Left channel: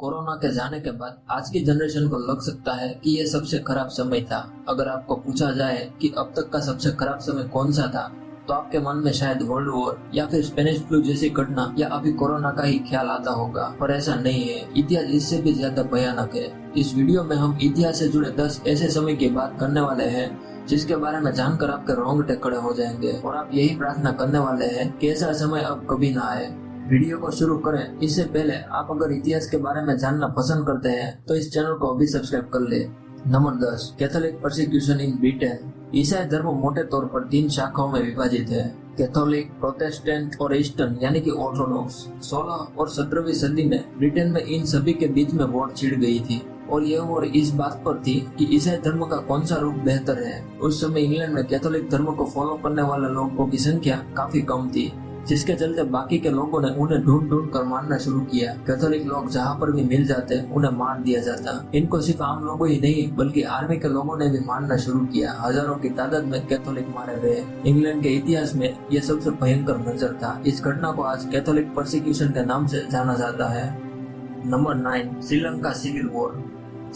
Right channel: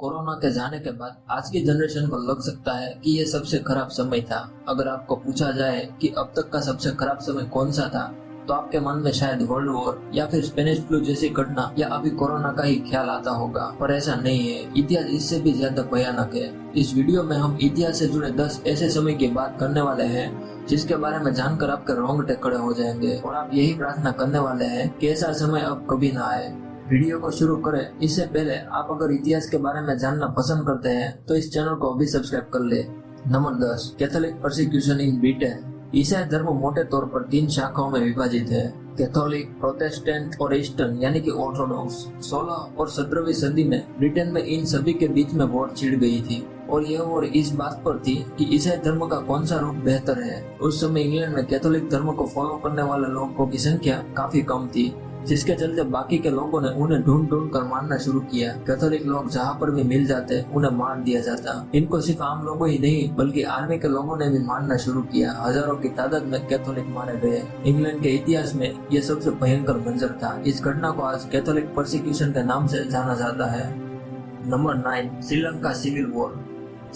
Corona के जाने के बाद आज की जनरेशन को लग सकता है कि ये सबसे खराब समय था। अगर आपको पूछा जाए कि अब तक का सबसे खराब समय कौन सा था, तो आपके मन में शायद वर्ल्ड वॉर या फिर स्पेनिश फ्लू जैसी घटना या अभी कोरोना का ही ख्याल आता होगा। पर ऐसा नहीं है, इतिहास इससे भी ज्यादा भयानक है। इस वीडियो में हम इतिहास से जुड़े 10 ऐसे समय की बात करने वाले हैं जिसके बारे में जानकर आपके रोंगटे खड़े हो जाएंगे और आप यही प्रार्थना करने वाले हैं कि ऐसा समय अब कभी ना आए। वीडियो को शुरू करें इससे पहले आप अगर इतिहास के बारे में जानना पसंद करते हैं तो इस चैनल को अभी सब्सक्राइब कर ले। Number 10, Catholic persecution in Britain. ईसाई धर्म मोटे तौर पर 3 शाखाओं में विभाजित है, कैथोलिक, प्रोटेस्टेंट और ईस्टर्न यानी कि ऑर्थोडॉक्स। 16 और 17वीं सदी में ब्रिटेन में इन सभी के बीच में वॉर छिड़ गई थी और यह वॉर इस बात पर थी कि ईसाई धर्म का कौन सा रूप बेहतर है। उस समय इंग्लैंड में कैथोलिक धर्म को फॉलो करने वाले लोगों की संख्या काफी कम थी, जिसके चलते बाकी के लोगों ने उन्हें ढूंढ ढूंढ कर मारना शुरू किया। कैथोलिक लोग जहां पर भी मिल जाते उन्हें मार दिया जाता। इनको सिर्फ आम लोगों ही नहीं बल्कि आर्मी के लोगों ने भी मारना शुरू किया। हजारों की तादाद में कैथोलिक मारे गए। इंग्लैंड के इतिहास में यह सबसे भयंकर मंजर था। इस घटना को आज कैथोलिक परसिक्यूशन के नाम से जाना जाता है। Number 9, Sri Lanka civil war.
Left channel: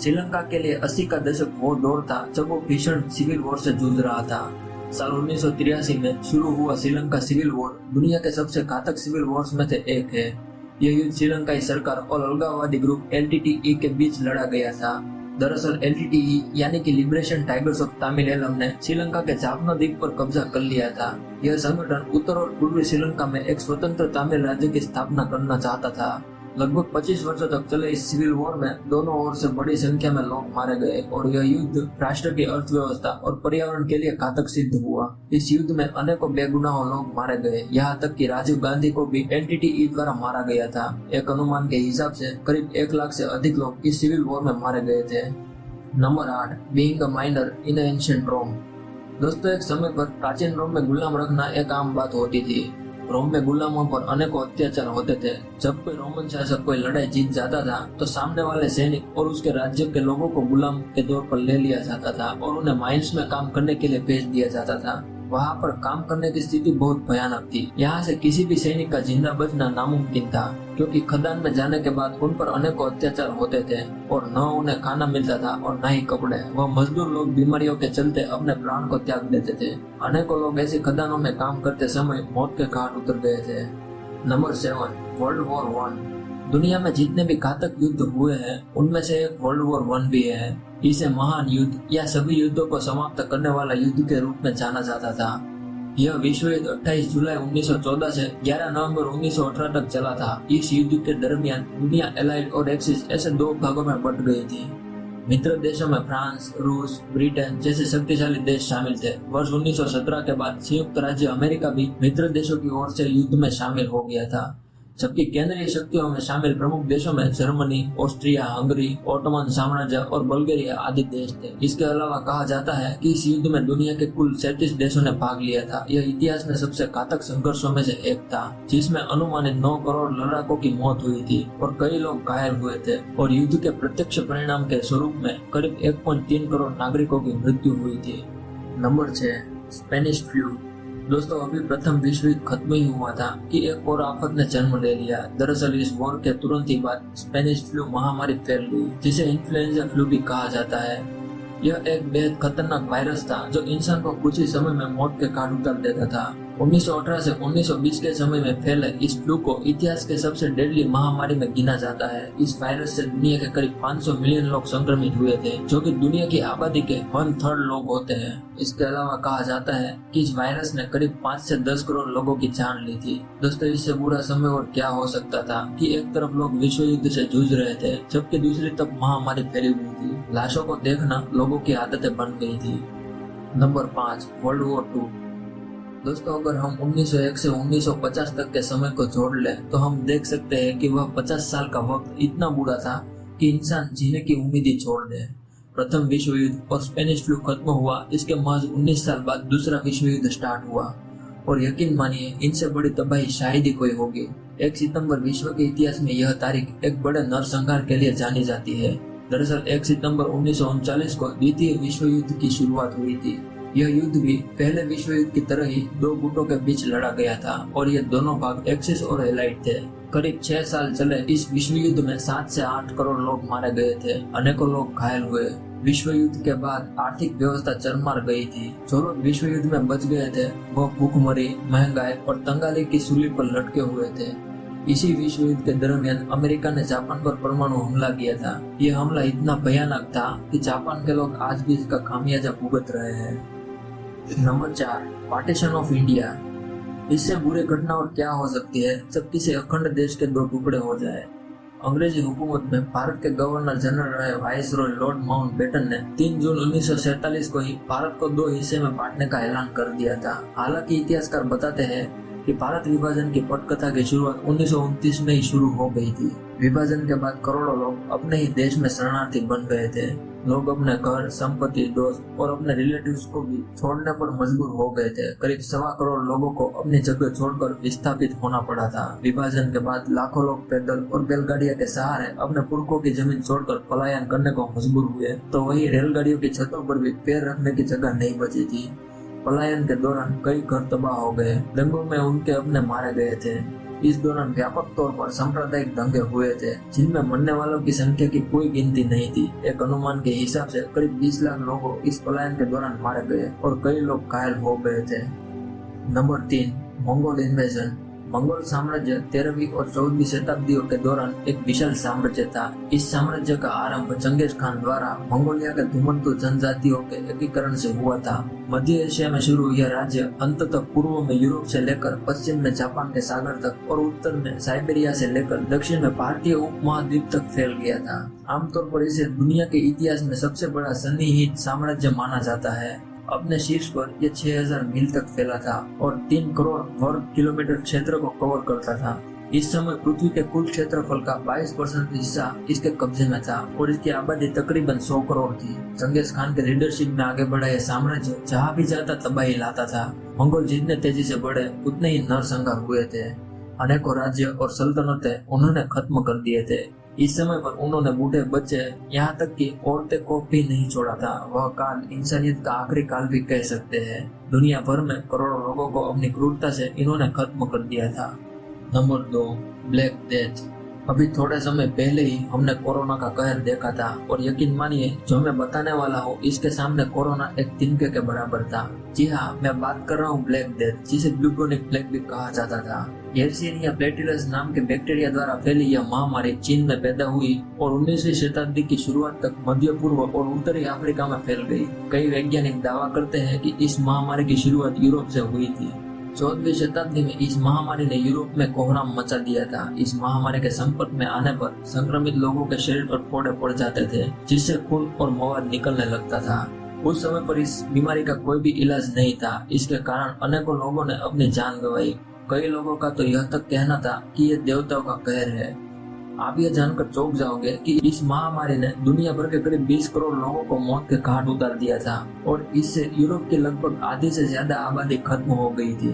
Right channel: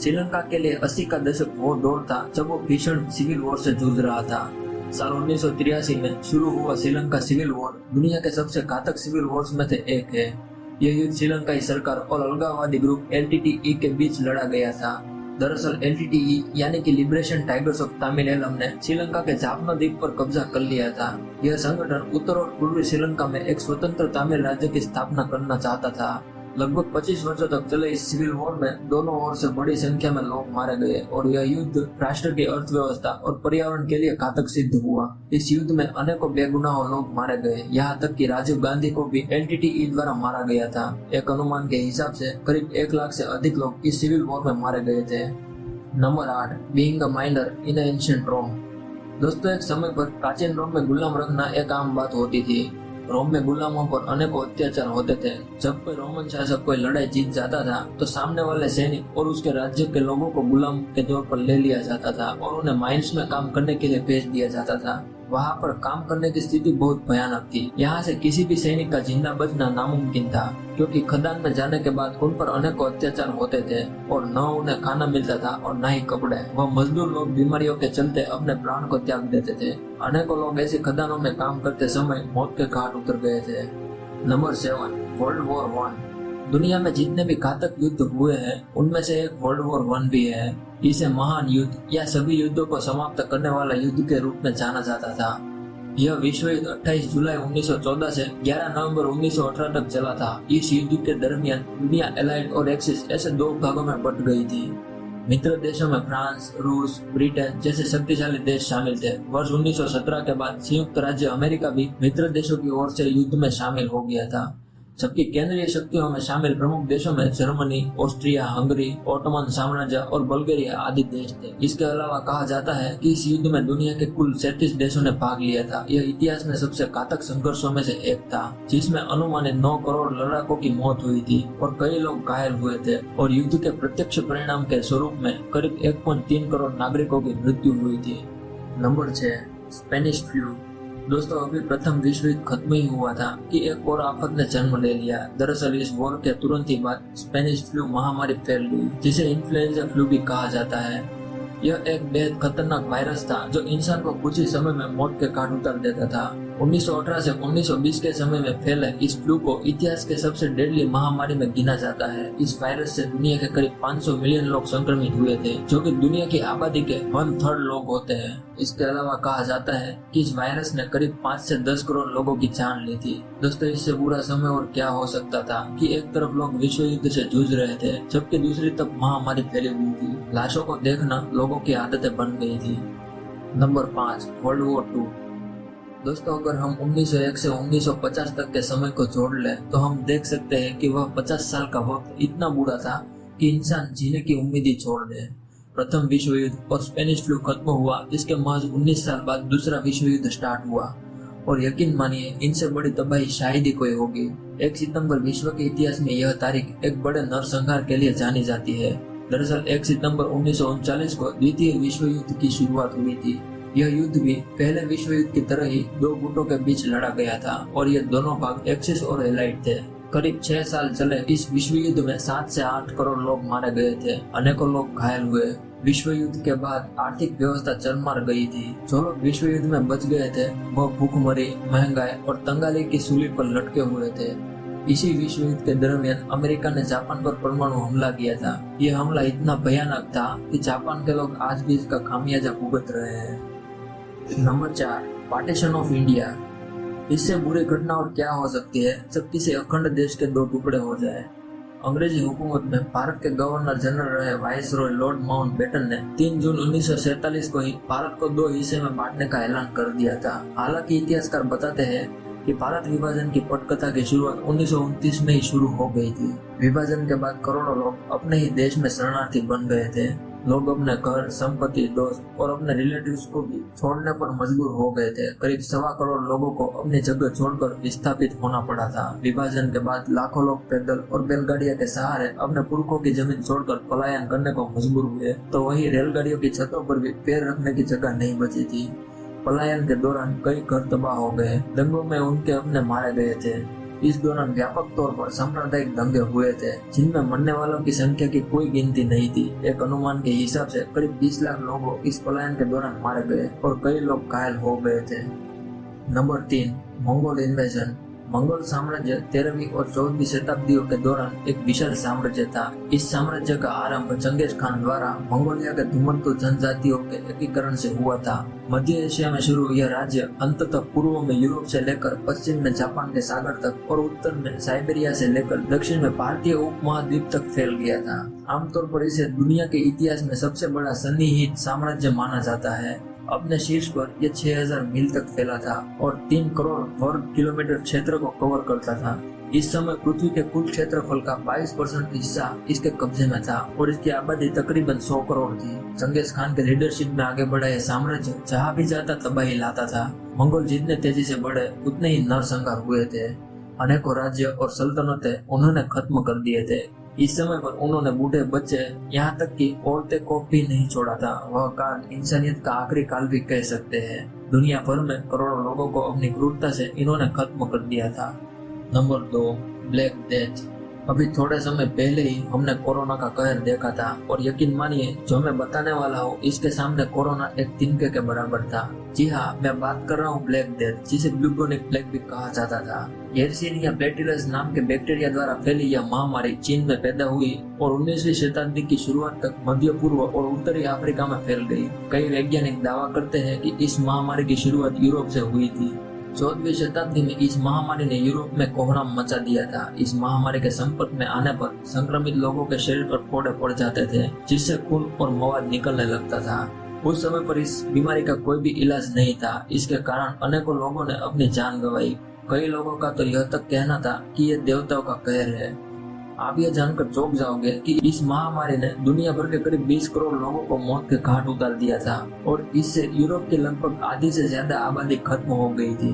Sri Lanka के लिए 80 का दशक वो दौर था जब वो भीषण सिविल वॉर से जूझ रहा था। साल 1983 में शुरू हुआ श्रीलंका सिविल वॉर दुनिया के सबसे घातक सिविल वॉर्स में से एक है। यह युद्ध श्रीलंकाई सरकार और अलगाववादी ग्रुप एलटीटीई के बीच लड़ा गया था। दरअसल एलटीटीई यानी कि लिबरेशन टाइगर्स ऑफ तमिल ने श्रीलंका के जाफना द्वीप पर कब्जा कर लिया था। यह संगठन उत्तर और पूर्वी श्रीलंका में एक स्वतंत्र तमिल राज्य की स्थापना करना चाहता था। लगभग 25 वर्षों तक चले इस सिविल वॉर में दोनों ओर से बड़ी संख्या में लोग मारे गए और यह युद्ध राष्ट्र की अर्थव्यवस्था और पर्यावरण के लिए घातक सिद्ध हुआ। इस युद्ध में अनेकों बेगुनाह लोग मारे गए, यहाँ तक कि राजीव गांधी को भी एलटीटीई द्वारा मारा गया था। एक अनुमान के हिसाब से करीब 1 लाख से अधिक लोग इस सिविल वॉर में मारे गए थे। Number 8, being a minor in ancient Rome. दोस्तों, एक समय पर प्राचीन रोम में गुलाम रखना एक आम बात होती थी। रोम में गुलामों पर अनेकों अत्याचार होते थे। जब कोई रोमन शासक कोई लड़ाई जीत जाता था तो सामने वाले सैनिक और उसके राज्य के लोगों को गुलाम के तौर पर ले लिया जाता था और उन्हें माइंस में काम करने के लिए भेज दिया जाता था। वहाँ पर काम करने की स्थिति बहुत भयानक थी। यहाँ से किसी भी सैनिक का जिंदा बचना नामुमकिन था, क्योंकि खदान में जाने के बाद उन पर अनेकों अत्याचार होते थे और न उन्हें खाना मिलता था और न ही कपड़े। वो मजदूर लोग बीमारियों के चलते अपने प्राण को त्याग देते थे। अनेकों लोग ऐसी खदानों में काम करते समय मौत के घाट उतर गए थे। Number 7, world war 1। दुनिया में जितने भी घातक युद्ध हुए हैं उनमें से एक वर्ल्ड वॉर 1 भी है। इसे महान युद्ध या सभी युद्धों को समाप्त करने वाला युद्ध के रूप में जाना जाता था। यह विश्व युद्ध 28 जुलाई 1914 से 11 नवंबर 1918 तक चला था। इस युद्ध के दरमियान दुनिया एलाइड और एक्सिस ऐसे 2 भागों में बट गई थी। मित्र देशों में फ्रांस, रूस, ब्रिटेन जैसे शक्तिशाली देश शामिल थे। वर्ष 1917 के बाद संयुक्त राज्य अमेरिका भी मित्र देशों की ओर से युद्ध में शामिल हो गया था, जबकि केंद्रीय शक्तियों में शामिल प्रमुख देशों में जर्मनी, ऑस्ट्रिया, हंगरी, ओटोमन साम्राज्य और बल्गेरिया आदि देश थे। इसके अलावा कहा जाता है कि इस युद्ध में दुनिया के कुल 37 देशों ने भाग लिया था। यह इतिहास में सबसे घातक संघर्षों में से एक था, जिसमें अनुमानित 9 करोड़ लड़ाकों की मौत हुई थी और कई लोग घायल हुए थे और युद्ध के प्रत्यक्ष परिणाम के स्वरूप में करीब 1.3 करोड़ नागरिकों की मृत्यु हुई थी। Number 6, Spanish flu. दोस्तों, अभी प्रथम विश्व युद्ध खत्म ही हुआ था कि एक और आफत ने जन्म ले लिया। दरअसल इस वॉर के तुरंत ही बाद स्पेनिश फ्लू महामारी फैल गई, जिसे इन्फ्लुएंजा फ्लू भी कहा जाता है। यह एक बेहद खतरनाक वायरस था जो इंसान को कुछ ही समय में मौत के घाट उतार देता था। 1918 से 1920 के समय में फैले इस फ्लू को इतिहास के सबसे डेडली महामारी में गिना जाता है। इस वायरस से दुनिया के करीब 500 मिलियन लोग संक्रमित हुए थे, जो कि दुनिया की आबादी के 1/3 लोग होते हैं। इसके अलावा कहा जाता है कि इस वायरस ने करीब 5 से 10 करोड़ लोगों की जान ली थी। दोस्तों, इससे बुरा समय और क्या हो सकता था कि एक तरफ लोग विश्व युद्ध से जूझ रहे थे, जबकि दूसरी तरफ महामारी फैली हुई थी। लाशों को देखना लोगों की आदतें बन गई थी। Number 5, world war 2। दोस्तों, अगर हम 1901 से 1950 तक के समय को जोड़ लें तो हम देख सकते हैं कि वह 50 साल का वक्त इतना बुरा था कि इंसान जीने की उम्मीद ही छोड़ दे। प्रथम विश्व युद्ध और स्पेनिश फ्लू खत्म हुआ, इसके महज 19 साल बाद दूसरा विश्व युद्ध स्टार्ट हुआ और यकीन मानिए इनसे बड़ी तबाही शायद ही कोई होगी। 1 सितंबर विश्व के इतिहास में यह तारीख एक बड़े नरसंहार के लिए जानी जाती है। दरअसल 1 सितंबर 1939 को द्वितीय विश्व युद्ध की शुरुआत हुई थी। यह युद्ध भी पहले विश्व युद्ध की तरह ही 2 गुटों के बीच लड़ा गया था और ये दोनों भाग एक्सिस और एलाइड थे। करीब 6 साल चले इस विश्व युद्ध में 7 से 8 करोड़ लोग मारे गए थे, अनेकों लोग घायल हुए। विश्व युद्ध के बाद आर्थिक व्यवस्था चरमर गई थी। जो लोग विश्व युद्ध में बच गए थे वो भूखमरी, महंगाई और तंगाली की सूली पर लटके हुए थे। इसी विश्व युद्ध के दरमियान अमेरिका ने जापान पर परमाणु हमला किया था। ये हमला इतना भयानक था कि जापान के लोग आज भी इसका खामियाजा भुगत रहे हैं। Number 4, partition of India. इससे बुरी घटना और क्या हो सकती है जब किसी अखंड देश के 2 टुकड़े हो जाए। अंग्रेजी हुकूमत में भारत के गवर्नर जनरल रहे वाइसरॉय लॉर्ड माउंटबेटन ने 3 जून 1947 को ही भारत को 2 हिस्से में बांटने का ऐलान कर दिया था। हालांकि इतिहासकार बताते हैं कि भारत विभाजन की पटकथा की शुरुआत 1929 में ही शुरू हो गई थी। विभाजन के बाद करोड़ों लोग अपने ही देश में शरणार्थी बन गए थे। लोग अपने घर, संपत्ति, दोस्त और अपने रिलेटिव्स को भी छोड़ने पर मजबूर हो गए थे। करीब 1.25 करोड़ लोगों को अपनी जगह छोड़कर विस्थापित होना पड़ा था। विभाजन के बाद लाखों लोग पैदल और बैलगाड़ियों के सहारे अपने पुरखों की जमीन छोड़कर पलायन करने को मजबूर हुए, तो वही रेलगाड़ियों की छतों पर भी पैर रखने की जगह नहीं बची थी। पलायन के दौरान कई घर तबाह हो गए, दंगों में उनके अपने मारे गए थे। इस दौरान व्यापक तौर पर सांप्रदायिक दंगे हुए थे जिनमें मरने वालों की संख्या की कोई गिनती नहीं थी। एक अनुमान के हिसाब से करीब 20 लाख लोग इस पलायन के दौरान मारे गए और कई लोग घायल हो गए थे। Number 3, Mongol invasion. मंगोल साम्राज्य 13वीं और 14वीं शताब्दियों के दौरान एक विशाल साम्राज्य था। इस साम्राज्य का आरंभ चंगेज खान द्वारा मंगोलिया के धूमंतु जनजातियों के एकीकरण से हुआ था। मध्य एशिया में शुरू यह राज्य अंततः पूर्व में यूरोप से लेकर पश्चिम में जापान के सागर तक और उत्तर में साइबेरिया से लेकर दक्षिण में भारतीय उपमहाद्वीप तक फैल गया था। आमतौर पर इसे दुनिया के इतिहास में सबसे बड़ा सन्निहित साम्राज्य माना जाता है। अपने शीर्ष पर यह 6000 मील तक फैला था और 3 करोड़ वर्ग किलोमीटर क्षेत्र को कवर करता था। इस समय पृथ्वी के कुल क्षेत्रफल का 22% हिस्सा इसके कब्जे में था और इसकी आबादी तकरीबन 100 करोड़ थी। चंगेज खान के लीडरशिप में आगे बढ़ा यह साम्राज्य जहाँ भी जाता तबाही लाता था। मंगोल जितने तेजी से बढ़े उतने ही नरसंहार हुए थे। अनेकों राज्य और सल्तनतें उन्होंने खत्म कर दिए थे। इस समय पर उन्होंने बूढ़े, बच्चे, यहाँ तक कि औरतें को भी नहीं छोड़ा था। वह काल इंसानियत का आखिरी काल भी कह सकते हैं। दुनिया भर में करोड़ों लोगों को अपनी क्रूरता से इन्होंने खत्म कर दिया था। Number 2, black death. अभी थोड़े समय पहले ही हमने कोरोना का कहर देखा था और यकीन मानिए जो मैं बताने वाला हूँ इसके सामने कोरोना एक तिनके के बराबर था। जी हाँ, मैं बात कर रहा हूँ ब्लैक डेथ, जिसे ब्लूबोनिक प्लेग भी कहा जाता था। येरसिनिया पेस्टिलिस नाम के बैक्टीरिया द्वारा फैली यह महामारी चीन में पैदा हुई और 19वीं शताब्दी की शुरुआत तक मध्य पूर्व और उत्तरी अफ्रीका में फैल गई। कई वैज्ञानिक दावा करते हैं कि इस महामारी की शुरुआत यूरोप से हुई थी। 14वीं शताब्दी में इस महामारी ने यूरोप में कोहराम मचा दिया था। इस महामारी के संपर्क में आने पर संक्रमित लोगों के शरीर पर फोड़े पड़ जाते थे, जिससे खून और मवाद निकलने लगता था। उस समय पर इस बीमारी का कोई भी इलाज नहीं था। इसके कारण अनेकों लोगों ने अपनी जान गंवाई। कई लोगों का तो यह तक कहना था कि यह देवताओं का कहर है। आप यह जानकर चौंक जाओगे कि इस महामारी ने दुनिया भर के करीब 20 करोड़ लोगों को मौत के घाट उतार दिया था और इससे यूरोप की लगभग आधी से ज्यादा आबादी खत्म हो गई थी।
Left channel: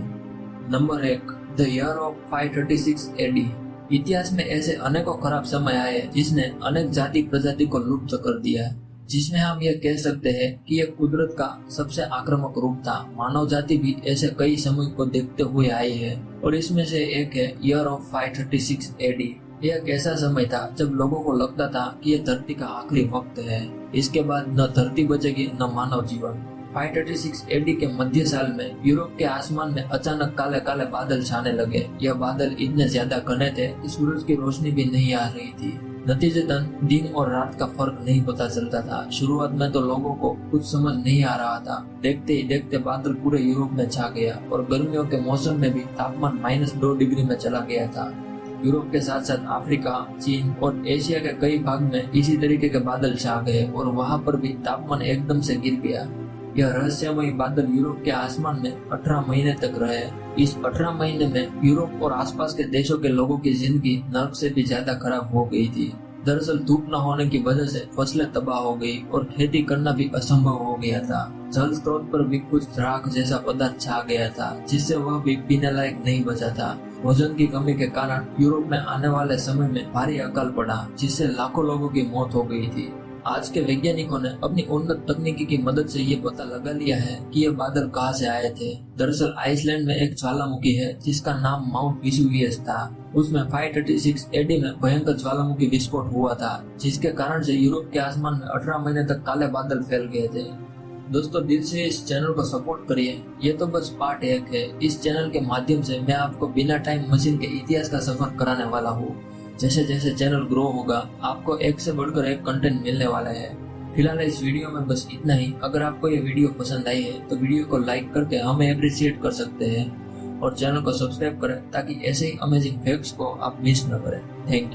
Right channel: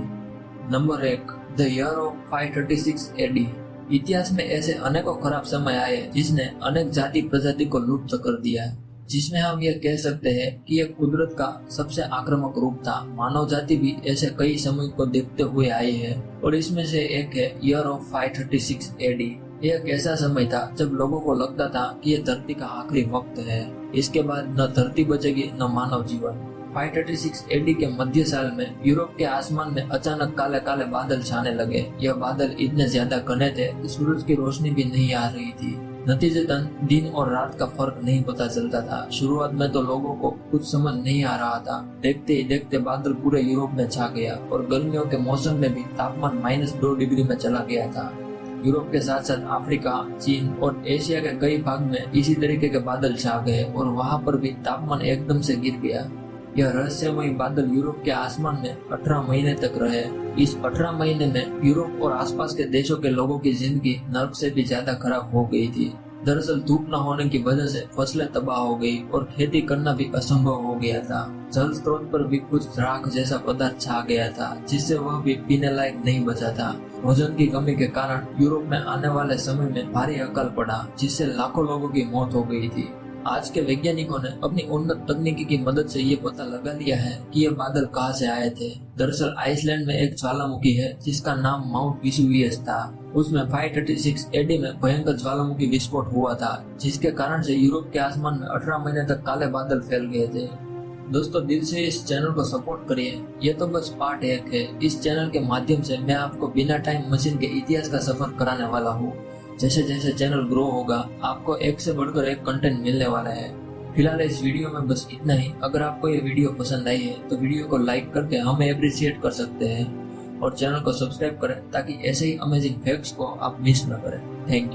Number 1, the year of 536 AD. इतिहास में ऐसे अनेकों खराब समय आए जिसने अनेक जाति प्रजाति को लुप्त कर दिया, जिसमें हम ये कह सकते हैं कि यह कुदरत का सबसे आक्रामक रूप था। मानव जाति भी ऐसे कई समय को देखते हुए आई है और इसमें से एक है ईयर ऑफ 536 एडी। यह एक ऐसा समय था जब लोगों को लगता था कि यह धरती का आखिरी वक्त है। इसके बाद न धरती बचेगी न मानव जीवन। 536 एडी के मध्य साल में यूरोप के आसमान में अचानक काले काले बादल छाने लगे। यह बादल इतने ज्यादा घने थे कि सूरज की रोशनी भी नहीं आ रही थी। नतीजतन दिन और रात का फर्क नहीं पता चलता था। शुरुआत में तो लोगों को कुछ समझ नहीं आ रहा था। देखते ही देखते बादल पूरे यूरोप में छा गया और गर्मियों के मौसम में भी तापमान -2 डिग्री में चला गया था। यूरोप के साथ साथ अफ्रीका, चीन और एशिया के कई भाग में इसी तरीके के बादल छा गए और वहां पर भी तापमान एकदम से गिर गया। यह रहस्यमय बादल यूरोप के आसमान में 18 महीने तक रहे। इस 18 महीने में यूरोप और आसपास के देशों के लोगों की जिंदगी नर्क से भी ज्यादा खराब हो गई थी। दरअसल धूप न होने की वजह से फसलें तबाह हो गई और खेती करना भी असंभव हो गया था। जल स्रोत पर भी कुछ राख जैसा पदार्थ छा गया था, जिससे वह भी पीने लायक नहीं बचा था। भोजन की कमी के कारण यूरोप में आने वाले समय में भारी अकाल पड़ा, जिससे लाखों लोगों की मौत हो गई थी। आज के वैज्ञानिकों ने अपनी उन्नत तकनीकी की मदद से ये पता लगा लिया है कि ये बादल कहाँ से आए थे। दरअसल आइसलैंड में एक ज्वालामुखी है जिसका नाम माउंट वेसुवियस था। उसमें 536 एडी में भयंकर ज्वालामुखी विस्फोट हुआ था, जिसके कारण से यूरोप के आसमान में 18 महीने तक काले बादल फैल गए थे। दोस्तों, दिल से इस चैनल को सपोर्ट करिए। ये तो बस पार्ट 1 है। इस चैनल के माध्यम से मैं आपको बिना टाइम मशीन के इतिहास का सफर कराने वाला हूँ। जैसे जैसे चैनल ग्रो होगा, आपको एक से बढ़कर एक कंटेंट मिलने वाला है। फिलहाल इस वीडियो में बस इतना ही। अगर आपको ये वीडियो पसंद आई है तो वीडियो को लाइक करके हमें अप्रिशिएट कर सकते हैं और चैनल को सब्सक्राइब करें ताकि ऐसे ही अमेजिंग फैक्ट्स को आप मिस न करें। Thank you.